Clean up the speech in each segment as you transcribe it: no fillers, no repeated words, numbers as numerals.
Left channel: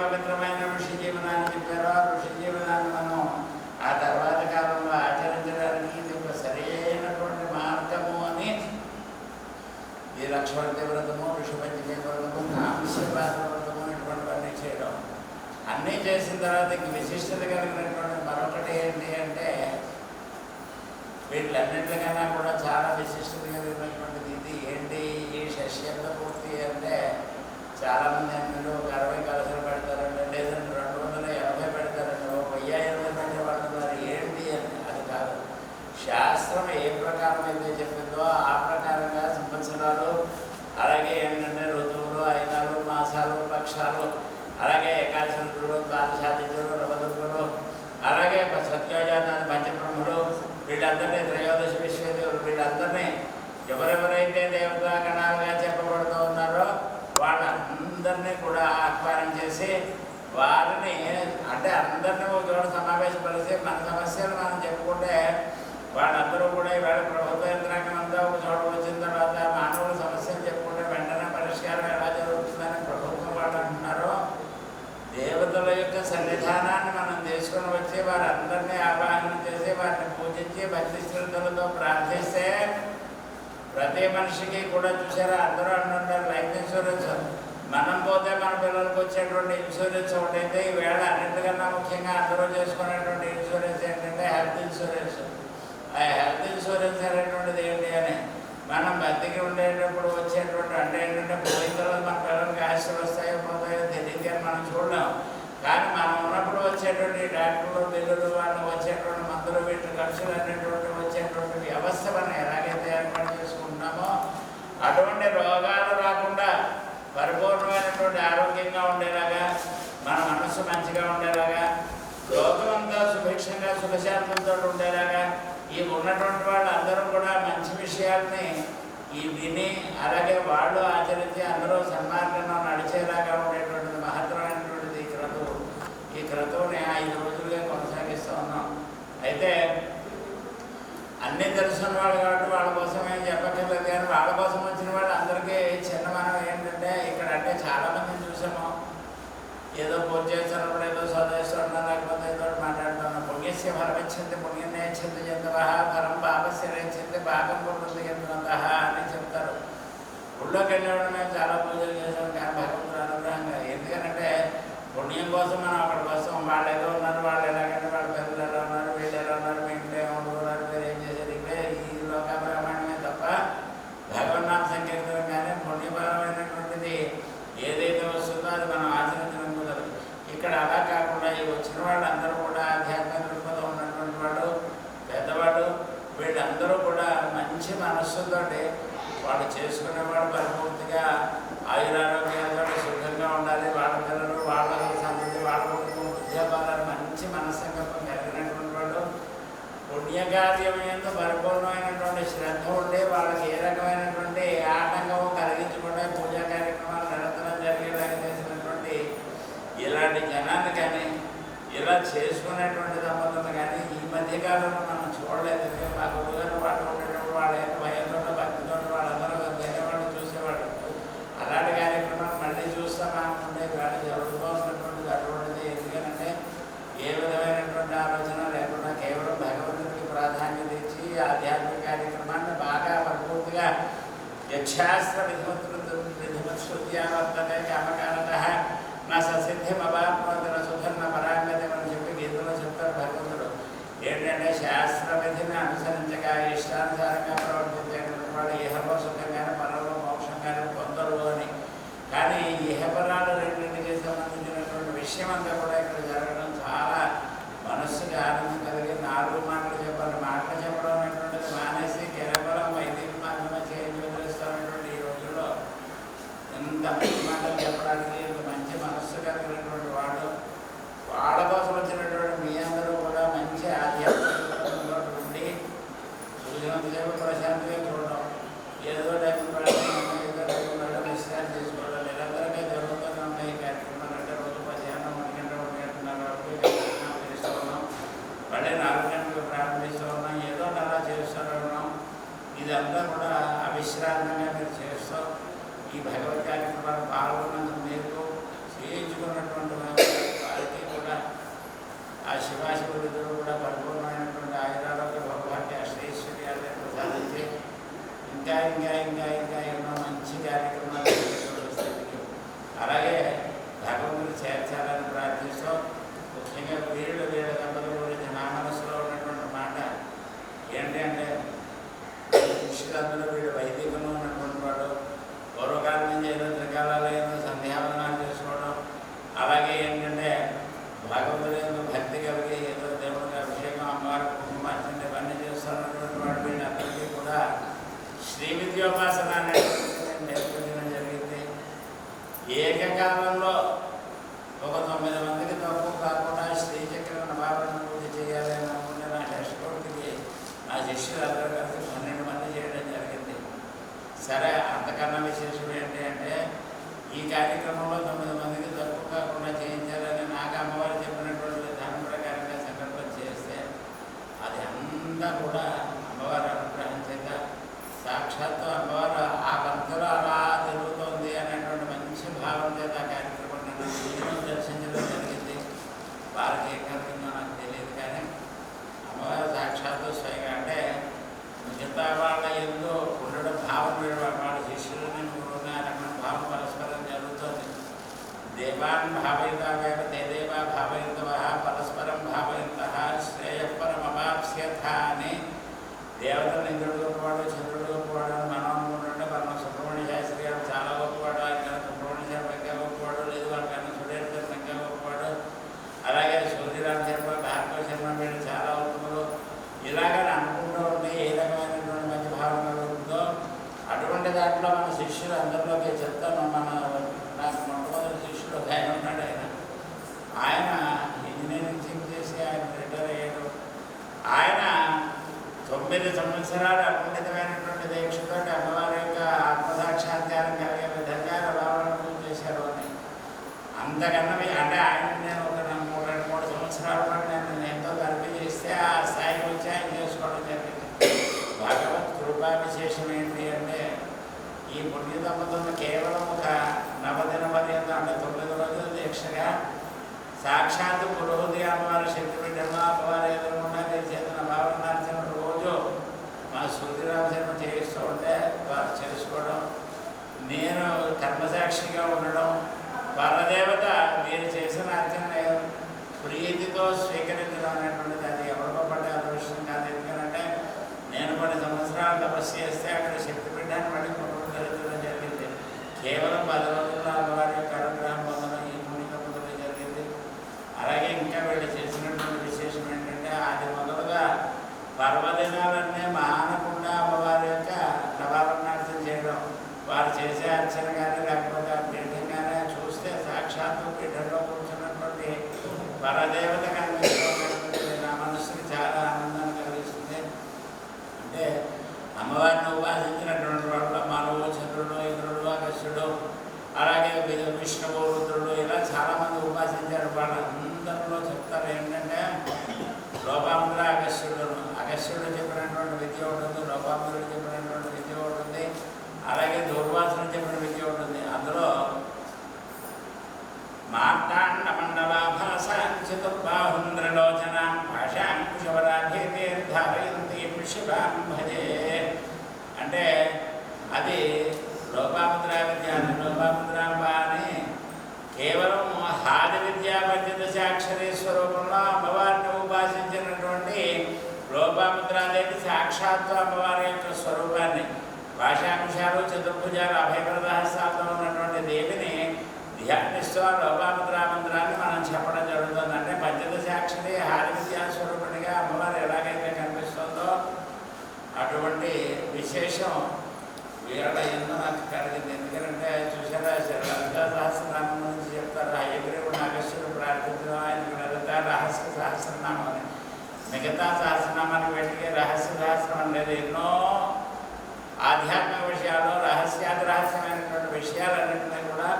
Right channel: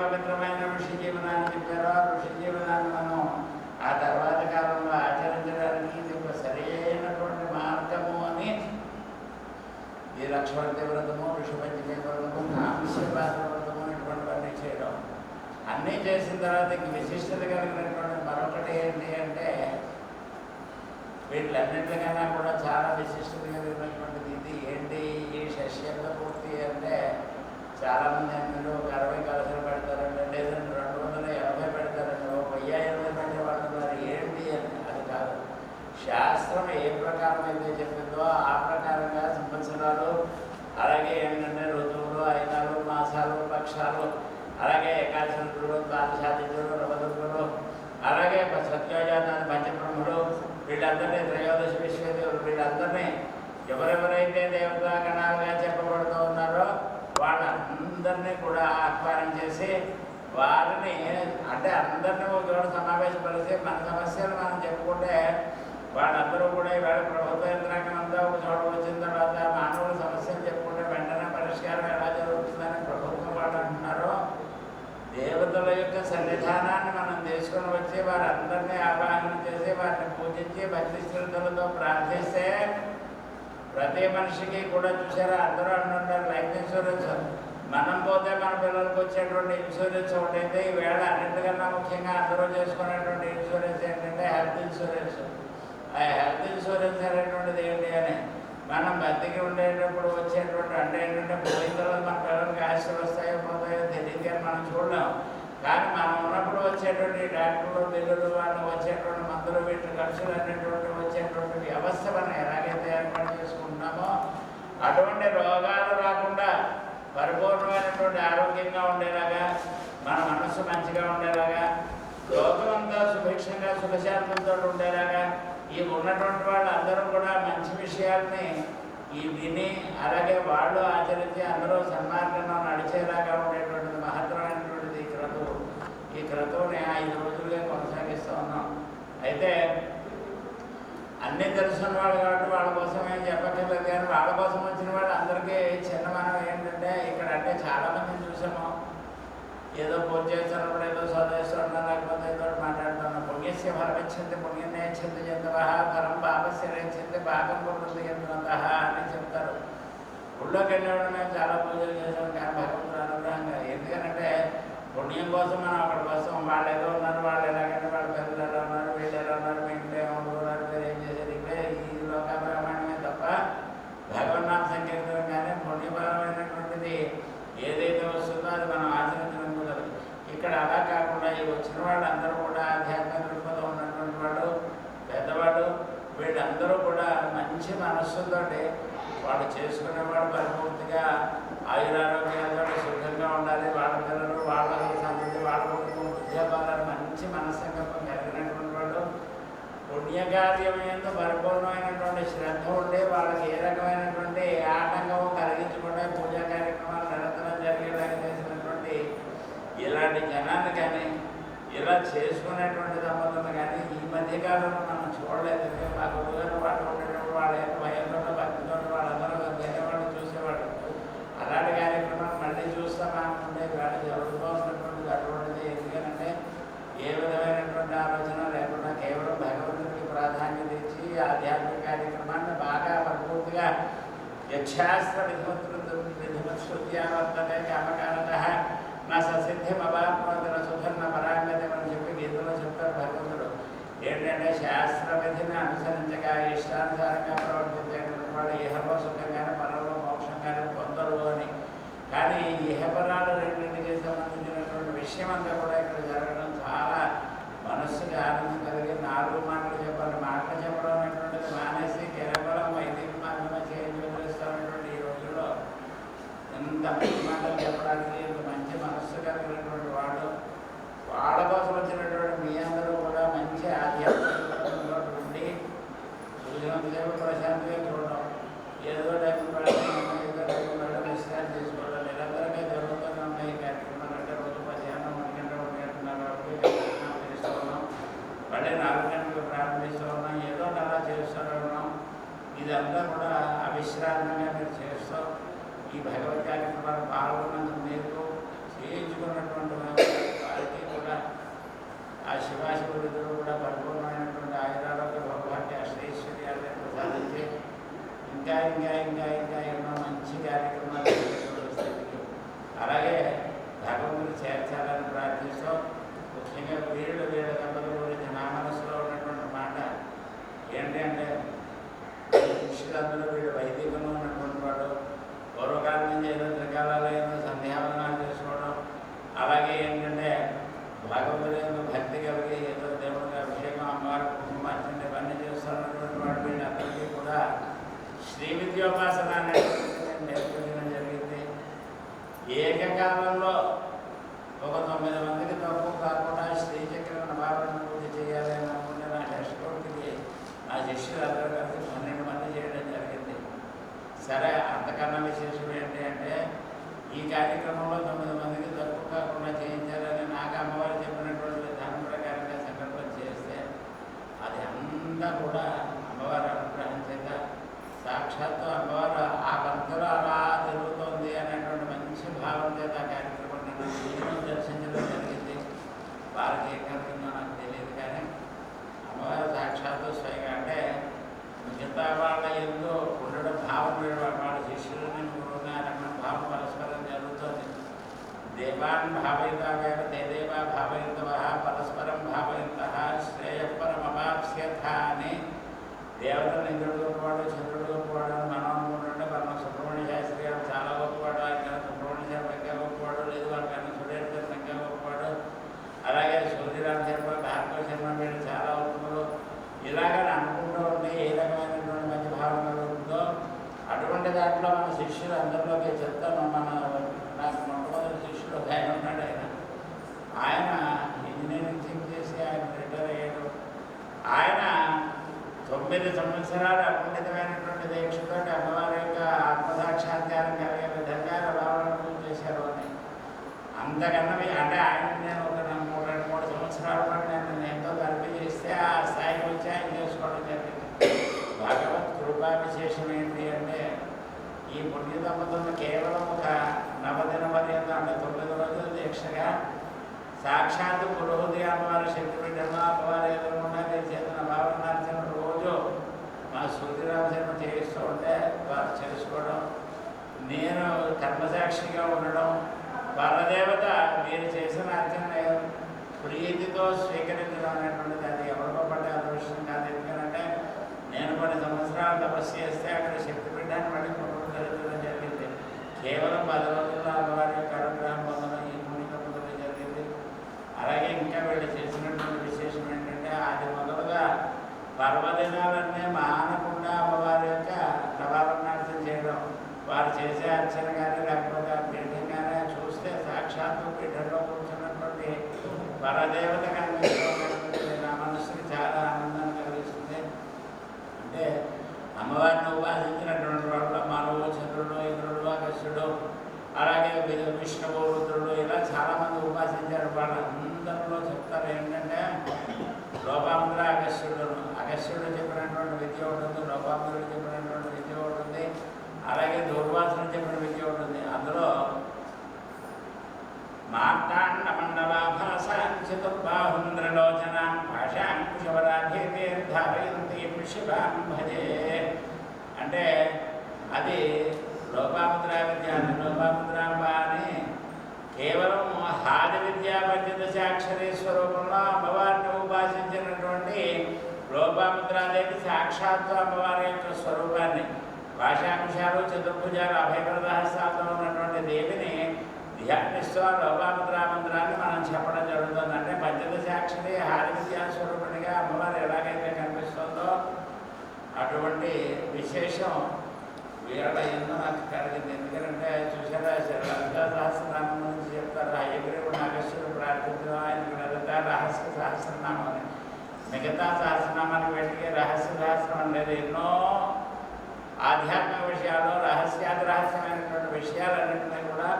పవిత్రమైన ఋషి జీవనాన్ని చెప్పారో ఆ ఋషి జీవనాన్ని మనం ఆ తర్వాత కాలంలో ఆచరించడానికి ఇది ఒక సరైనటువంటి మార్గము అని ఈ లక్ష్మణి వ్రతము, ఋషిపంచమి వ్రతము, కాంస్యపాద వ్రతము ఇటువంటివన్నీ చేయడం. అన్నీ చేసిన తర్వాత విశిష్టత కలిగినటువంటి మరొకటి ఏంటి అంటే వీళ్ళన్నింటికన్నా కూడా చాలా విశిష్టత కలిగినటువంటిది ఇది ఏంటి ఈ షష్యంగ పూర్తి అంటే చాలామంది అన్నీ ఒక 60 కలసలు పెడతారండి, లేదంటే 280 పెడతారండి, ఒక 1020 పెట్టే వాళ్ళు ఉన్నారు. ఏంటి అని అది కాదు. శాస్త్రం ఏ ప్రకారం అయితే చెప్పిందో ఆ ప్రకారంగా సంవత్సరాలు, అలాగే ఏంటంటే ఋతువులు, అయినాలు, మాసాలు, పక్షాలు, అలాగే ఏకాదశులు, ద్వాదశాదిత్యులు, నవదుర్గులు, అలాగే సత్యోజాతాన్ని పంచబ్రహ్మలు, వీళ్ళందరినీ త్రయోదశి విశ్వేదేవులు, వీళ్ళందరినీ ఎవరెవరైతే దేవతా గణాలుగా చెప్పబడుతూ ఉన్నారో వాళ్ళందరినీ కూడా ఆహ్వానం చేసి వారిని అంటే అందరినీ ఒక చోట సమావేశపరిచి మన సమస్యలు మనం చెప్పుకుంటే వాళ్ళందరూ కూడా ఇవాళ ప్రభుత్వ యంత్రాంగం అంతా ఒక చోట వచ్చిన తర్వాత మానవుల సమస్యలు చెప్పుకుంటే వెంటనే పరిష్కారం ఎలా జరుగుతుందని ప్రభుత్వం వాళ్ళు అంటున్నారో దేవతల యొక్క సన్నిధానాన్ని మనం తీసుకొని వచ్చి వారందరినీ ఆవాహన చేసి వారిని పూజించి భక్తి శ్రద్ధలతో ప్రార్థిస్తే ప్రతి మనిషికి కూడా చూసారా అందరూ అంటుంటారు లైఫ్ ఇన్సూరెన్స్. మనం పోతే మన పిల్లలకు వచ్చేటువంటి ఇన్సూరెన్స్ ఒకటైతే ఈవేళ అన్నింటికన్నా ముఖ్యంగా అందరూ చేసుకునేటువంటి ఇన్సూరెన్స్ ఏంటంటే హెల్త్ ఇన్సూరెన్స్. ఆ హెల్త్ ఇన్సూరెన్స్ అనేటువంటిది ఏంటి అని మనం బతికి ఉండేటప్పుడు వచ్చేటువంటి అంటే ఏంటంటే పోయిన తర్వాత మన పిల్లలకి ఆస్తులు వస్తాయో పోతాయో తెలియదు అని మనం చూడలేం. కానీ మనం ఉన్నప్పుడు వచ్చేటువంటి డాక్టర్లు, బిల్లులు, వాళ్ళు వచ్చేటువంటి మందులు, వీటి ఖర్చులు అనేటువంటి వచ్చేటువంటి వ్యవస్థ మనం ఎలాగైతే ఏర్పాటు చేసుకుంటున్నామో అటువంటి రోగాలు రాకుండా పరిపూర్ణమైనటువంటి ఆరోగ్యంగా ఉండేలాగా, మన మనస్సు మంచిగా ఉండేలాగా, లోకం అంతా సుభిక్షంగా సుఖశాంతంతో ఉండేలాగా ఈ ఉన్నటువంటి వాళ్ళందరూ కూడా మంచి విషయాల్ని ఈ విని అలాగే వాళ్ళు ఆచరించి అందరూ సన్మార్గంలో నడిచేలాగా ఉండేటువంటిది మహత్తరమైనటువంటిది ఈ క్రతువు. ఈ క్రతువుని 5 రోజులుగా కొనసాగిస్తూ ఉన్నాం. అయితే అన్నీ తెలుసున్న వాళ్ళు కాబట్టి వాళ్ళ కోసం ఏం చెప్పక్కర్లేదు. కానీ వాళ్ళ కోసం వచ్చిన వాళ్ళు అందరికీ చిన్న మనం ఏంటంటే ఇక్కడ అంటే చాలామందిని చూసాము ఏదో పూజ చేస్తున్నప్పుడు ఏదో చదివేస్తున్నా లేకపోతే ఏదో మాట్లాడుతున్నాం. పుణ్యస్య ఫలమిచ్చింది పుణ్యం నేర్చింది చెందవ ఫలం పాపస్య నేర్చింది భాగం పుట్టింది చెందినంత అని చెప్తారు. ఊళ్ళోకి వెళ్ళేవాడు మేము చాలా పూజలు చేసాం కానీ భగవంతుడు అనుగ్రహంగా. ఎందుకనంటే పుణ్యం కోసం మనం అక్కడికి వస్తాం. వాళ్ళు ఏదో ఉన్నారు, వాళ్ళు ఎలాగంటే వాళ్ళ పిల్లలు ఎలా ఉన్నారు, వీళ్ళు ఎలా ఉన్నారు, మీ ఇంట్లో ఏమనుకున్నారు, మీరు ఏం చేశారు, ఇవే ఈ లోకాభిమానమే తప్ప భగవన్నామ సంకీర్తనం కానీ పుణ్యపరమైనటువంటిది ఏదైతే వస్తుందో అది మనం ఆచరించడం కుదరదు. ఇక్కడ అలా కాకుండా ఈ వచ్చిన వాళ్ళందరూ కూడా ఆధ్యాత్మిక దృక్పథం ఉన్నటువంటి వాళ్ళు, పెద్దవాళ్ళు, వీళ్ళందరూ కూడా మంచి మనస్సుతో వాళ్ళు చేసుకునేవాడు పరిపూర్తిగా ఆయురారోగ్యాలతో సుఖంగా ఉండాలి. వాళ్ళ పిల్లలు, వాళ్ళ సంతతి, వాళ్ళ కుటుంబం, ఉద్యోగాలు మంచి మనస్సంకల్పం కలిగినటువంటి వాళ్ళు పుణ్యకార్యం ఎంతో పరిపూర్ణమైనటువంటి శ్రద్ధ ఉండి వాళ్ళకి ఏ రకమైనటువంటి ఆటంకము కలిగించకుండా పూజా కార్యక్రమాలు నిరంతరం జరిగేలాగా చేసినటువంటి ఇలాంటి జనాన్ని కానీ ఇలా చేసుకునేటువంటి దంపతులు కానీ ఈ మధ్యకాలంలో మనం చూడలేదు. మా గురుగారు వాళ్ళు ఉండేటప్పుడు వాళ్ళ యొక్క భయంతో భక్తితో వాళ్ళందరూ వేరే వాళ్ళు చూసేవాళ్ళు. అలాంటి కార్యక్రమాలు మళ్ళీ చూస్తామనుకుంటే వాళ్ళు జరుగుతూ ఉన్నటువంటిది అటువంటిది. ఎందుకంటే ఏ విధమైనటువంటి ఆలోచన లేకుండా కేవలం భగవంతుడికి ప్రాధాన్యత ఇచ్చి ఆధ్యాత్మిక కార్యక్రమాన్ని బాగా పరిపూర్తిగా యక్షాస్త్ర విధిమత్సృత్యావర్తనే కామకారత నా ససిద్ధిమవాప్నోదన సుధర్ణ పరాంగతి అని చెప్పి గీతలో చెప్తారు భగవంతుడు. ఏంటంటే శాస్త్ర విధిని అనుసరించగా ఇష్టానుసారంగా ప్రవర్తించేటువంటి వాళ్ళు ఇహలో సుఖంగానే పరంలో మోక్షంగానే పొందరు అని. కానీ ఇహపరాలు రెండింటికి సంబంధించినటువంటి విషయం అంతా కూడా ఇక్కడ జరగడం చాలా మనస్సుకి ఆనందం కలిగి 4 మాటలు చెప్పాలి. మాటలు చెప్పడం అనేటువంటిది మానేసి కేవలం వైదిక మాధ్యమ చేయించుకొనిస్తున్నటువంటి ఈ రోజుల్లో ఎంత మంచి మాటలు చెప్పడానికి ఇంత మంచి మనస్సు కలిగినటువంటి వాళ్ళు, వాళ్ళ కోసం వచ్చినటువంటి మీ అందరూ కూడా మంచి ఆధ్యాత్మిక ఉండి సూర్యవంతసేపు ప్రశాంతంగా చూడడం, ఏదో విశ్రాంతి తీసుకోవడం నిరంతరంగా జరుగుతూనే ఉన్నాయి ఈ కార్యక్రమాలు. అంటే రోజు మధ్యాహ్నం 1 గంట 1 గంటన్నర చేస్తూ ఉన్నాం, మళ్ళీ 4 గంటలకు ప్రారంభిస్తూ ఉన్నాం, ఏదో అలా చేస్తూ ఉన్నాం. ఇదంతా కూడా అవిశ్రాంతంగా మీరు చేస్తూ ఈ భగవత్ కార్యక్రమాలు పాల్గొన్నందుకు మీకు చేయించుకున్నటువంటి వారికి కూడా ఆ శివాశివుడిద్దరూ కూడా పరిపూర్ణమైనటువంటి ఆయురాలకు భగవాన్ని అష్టైశ్వర్యాలను సాధించి ఇంకా ఇంకా ఇంకా ఇంకా ఎన్నో మంచి కార్యక్రమాలు అలాగే భగవంతుడు చేర్చాలని ప్రార్థిస్తూ ముఖ్యంగా వీళ్ళ దంపతుల గురించి నా మనసులో ఉన్నటువంటి మాట ఏంటంటే శిష్యులందరూ వీడు వైదికంలో ఉన్నటువంటి వాడు పూర్వకాలం నుంచి ఏదో త్రికాలలో ఏదో సంధ్యావనాలు చేసుకోవడం అలాగే ఏంటంటే భగవంతుడు భక్తి కలిగి ఏదో దేవుడికి అభిషేకం అమ్మవారి కుటుంబాన్ని ఇవన్నీ చేస్తున్నటువంటి వాడు వీళ్ళందరికీ కూడా శ్రీ విద్యోపాసన అనేది నేర్పించడం జరిగింది. ఏకకాలంలో ఒక 9 మందికి తక్కువ కాకుండా శ్రీచక్ర నవాలను పూర్తి చేయాలి అని అనుకుంటే నా షష్ఠోటికి నా శిష్యులు అందరూ కలిసి 12 మంది చేయడం జరిగింది. సరే, అంతకన్నా విశేషం ఏంటి అంటే ఈ కార్యక్రమంలో 9 మందికి తక్కువ కాకుండా చేయించాలని నాకు అమ్మవారు చెప్పినటువంటి విధానం ప్రకారంగా సంకల్పం చేస్తే అది అంతా కూడా అమ్మవారి అనుగ్రహం చేత సాక్షాత్తు అమ్మవారు ఆ పంతులు అలా జరుగుతోంది అనేటువంటి మంచి భావం చేత ఆ కార్యక్రమం నేను దర్శించడం జరిగింది. వారికి ఏం కలిగిందో నాకు తెలియదు, కానీ అమ్మవారు సాక్షాత్తు స్వయంగా అంటే మిగతా వాళ్ళ ఎందు ఉండడం భావం వాళ్ళ శిష్యులని ఉన్నారన్న భావం పరస్పరం జరుగుతుంది. దేవాన్ భావయితావేవ దేదేవా భావయితవ పరస్పరం భావయంత శ్రేయపరమవాప్స్యథ అని దేవతలు ఇంద్రుడు గొప్పవాడు, చంద్రుడు గొప్పవాడు అని మనం అనుకుంటుంటే మన సుబ్రహ్మణ్య శాస్త్రి గారు చాలా గొప్పవాడు, ఆయన సుబ్రహ్మణ్య శాస్త్రి ఇంకా గొప్పవాడు, లేదు వాళ్ళకన్నా సురేశ్వర్ ఇంకా గొప్పవాడు, అలాగే సూర్యరామ శర్మ, భార్గవ శర్మ వీళ్ళు చాలా ఉత్తములు ఇలాగని అనుకుంటూ ఉంటే ఏ రకమైనటువంటి మంచి భావనలు ఉందో అటువంటి దాంట్లో మన శిష్యులు అందరిలోకి చెప్తాను. నాకు మొట్టమొదటి శిష్యుడు ఒక ఆయన ఉన్నాడు. ఆయన ఇంజనీరింగ్ చేసి ఆయన రిటైర్ అయ్యాడు. ఆయన 9 సంవత్సరాలు అద్భుతమైనటువంటి దీక్షతో అమ్మవారి యొక్క ఆత్మసాక్షాత్కారం కలిగే విధంగా రావాలను చేశారు అని అంతకన్నా అంటే ఆయన నేను ఒక 2-3 సంవత్సరాల పాటు నేను ఎంతో తరపి చేస్తే ఆ స్థాయికి వచ్చి ఆయన చేసుకోవడం జరిగింది. భగవత్ కృపా విశేషం ఏంటి అంటే ఈ పుణ్య దంపతులను కేవలం ఒక నవదిన పర్యంతం అంటే 9 రోజుల దీక్షగా సాక్షాత్తు పురోహతి అమ్మవారి శక్తి బిడ్డను అమ్మవారి ఎదురుకుండా చేసిన భావన నడిచిన రోజు మా సూర్యరామ శర్మ చేయిస్తూ ఉంటే వారు చేసుకోవడం, నేను కర్మసాక్షిగా ఉండడం, పరదేవత మీరు చేసిన అర్చన ప్రీతితో స్వీకరించడం అనేటువంటిది అది ఎవరికో పడే అదృష్టం కాదు. ఎందుకంటే నేను కొన్ని సంవత్సరాలు తపస్సు చేస్తే అక్కడ శక్తి బిడ్డని మళ్ళీ కుటుంబం జరుగుతుందని జరిగింది. కేవలం 10 రోజుల్లో అమ్మవారి యొక్క అనుగ్రహం పొందడం ఈ పుణ్యకంలో జరిగింది. అలాగే ఇంకా వీళ్ళు చేసినటువంటి విశేషం ఏంటంటే అది మొదలుగా పర్వదినాలన్నీ మానకుండా అమ్మవారి యొక్క నవావరణార్థం చేయడం, వారు చేసే అర్చన కానీ లేకపోతే ఆ పీఠం కానీ చూస్తే సాక్షాత్తు పీఠంలో కూర్చున్నటువంటి పరదేవత కనిపిస్తున్నటువంటి నా మనసుకి చాలా ఆనందాన్ని కలిగిస్తుంది. అంటే అమ్మవారిని ఉపాసించినటువంటి వాళ్ళు మనువు, చంద్రుడు, ఇంద్రుడు, అగస్త్యుడు, అలాగే విష్ణువు, రుద్రుడు ఇలా చాలామంది ఉపాసించారు. వాళ్ళందరిలో చెప్తారు ఏంటంటే లోపాముద్ర అగస్త్యుడు చెప్పినటువంటి విద్య ఉంటుంది, లోపాముద్రుడు చెప్పినటువంటి విద్య ఉంటుంది, అలాగే దూర్వాసుడు చెప్పిన విద్య ఉంటుంది. అందులో మార్తాండ మండలాభాసాంచతుర్బాహుంద్రలోచన భాషాంకుశవరాధేర్ధారయంతి శివాం భజే అంటే అది లోపాముద్ర విద్య అని లోపాముద్రాంబ అని కేవలం హాది విద్యా పంచదశాక్షరీ స్వరూపంలో అమ్మవారిని ఉపాసించినటువంటి లోపాముద్రాదేవి సాక్షాత్తు అమ్మవారి యొక్క స్వరూపాన్ని భాషాంశాలు, చతుర్భుజాలు, అభయప్రదహస్తాలతో ఉన్నటువంటి దేవిని ధ్యానిస్తూ లోపాముద్రామంత్రాన్ని మనం చెప్పడం జరుగుతుంది. అంటే పంచదశాక్షరి హాది విద్యా స్వరూపిణిగా అమ్మవారు ఎలాగైతే కనిపిస్తుందో అటువంటి విశేషం వీళ్ళ ఎన్నో నాకు కలిగింది. ఎందుకంటే చూసారా లలితా సహస్రనామం నుంచి చెప్తారు, హయగ్రీవుడు నాగేశ్వరుడు ప్రార్థించడం ఆయనకు లలిత రహస్య సహస్రనామం అని. మిగతా సహస్రనామానికి వెంటనే రహస్య సహస్రం అనేది ఎన్నో ఆధ్యాత్మిక విషయాలు, రహస్యమైనటువంటి విషయాలన్నింటినీ కూడా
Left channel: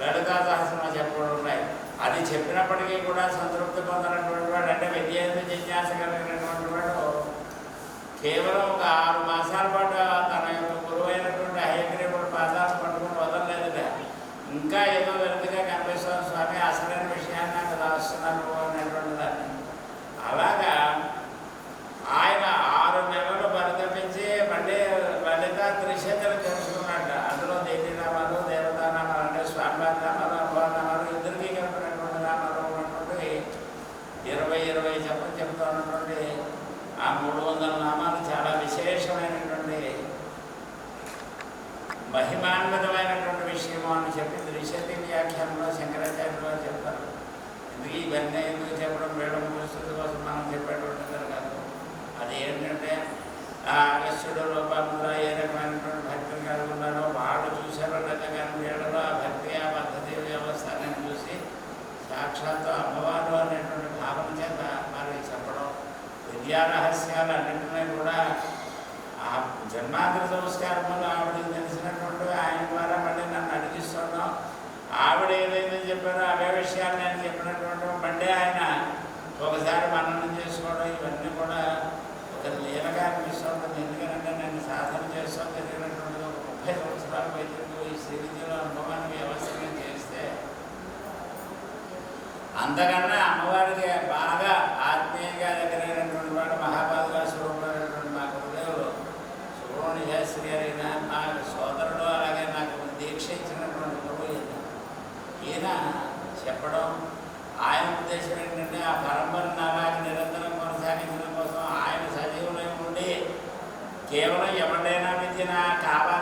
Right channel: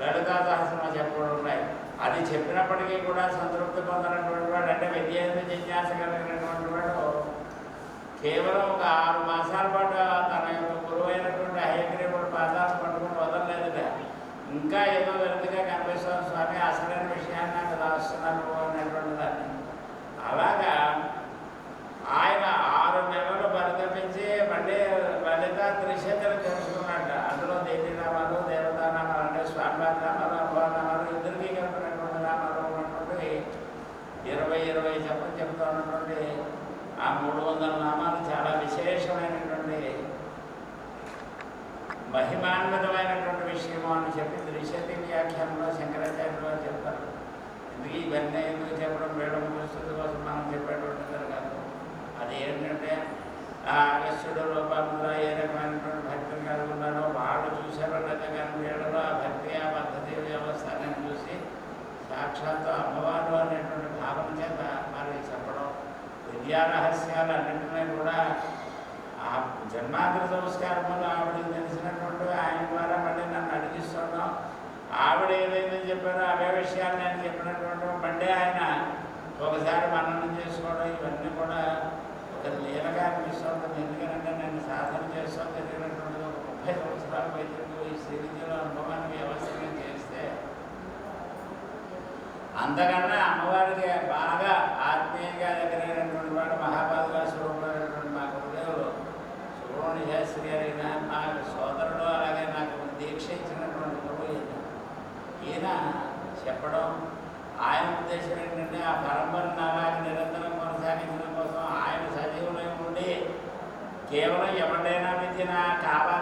లలితా సహస్రం చెప్పడం ఉన్నాయి. అది చెప్పినప్పటికీ కూడా సంతృప్తి పొందినటువంటి వాడు, అంటే విద్యేంద్ర జిజ్ఞాస కలిగినటువంటి వాడు కేవలం ఒక 6 మాసాల పాటు తన యొక్క గురువైనటువంటి హయగ్రీవుడు పాదాలు పట్టుకుని వదలలేదు. ఇంకా ఏదో వెలుగుగా కనిపిస్తుంది మహిమాన్వితమైనటువంటి విషయము అని చెప్పి ద్విశతి వ్యాఖ్యానంలో శంకరాచార్యులు వారు చెప్తారు. ఎందుకు ఇవన్నీ ఎందుకు చెప్పడం, వేళ పరిస్థితి కోసం మనం చెప్పేటువంటిది కాదు. అది ఏంటంటే అగస్త్యుడు రూపంలో ఏ రకమైనటువంటి భక్తిని కలిగి ఉన్నారో వాళ్ళు చూశారో లేక కానీ వీళ్ళలో ఆ భక్తి ఆ పద్ధతి వ్యవస్థ అనేది చూసి సాక్షాత్తు అమ్మవారు అనేటువంటి భావన చేత మరి చెప్పడం, విద్యా రహస్యాలు అన్నింటినీ కూడా ఆ జన్మాంతర సంస్కారములు ఆవిడకి తెలిసినటువంటి ఆయన ద్వారా మళ్ళీ నన్ను అడిగిస్తున్నాం. ఆవిడ ఏదైతే చెప్పారో అవే విషయాలు నేను చెప్పినటువంటి మళ్ళీ ఆయన ఒకసారి మననం చేసుకోవడం, ఇవన్నీ కూడా ఒక లీలగా అనిపిస్తుంటుంది. ఎందుకంటే నేను సాధన చేస్తాం జరిగినటువంటి 30 సంవత్సరాల వైద్యులు ఈ శ్రీ విద్యలో అనుభవాన్ని వ్యవస్థగా చేస్తే అంతకన్నా అమ్మవారికి బాగా ఆత్మీయంగా దగ్గరైనటువంటి వాడు మహాపాదుగా స్వరూపమైనటువంటి మా గురుదేవులు సుబ్రహ్మణ్య శాస్త్రి గారి నా సోదరుడు, అలాగే నాకు దీక్ష ఇచ్చినటువంటి గురువు ఈయన చెప్పడం, ఆయన ఉద్దేశం ఏంటంటే ఆ పరంపరను అలాగే నిరంతరం కొనసాగించడం కోసం ఆయన సజీవులై ఉండి కేవలం ఎవరినైనా విద్యన కావాలి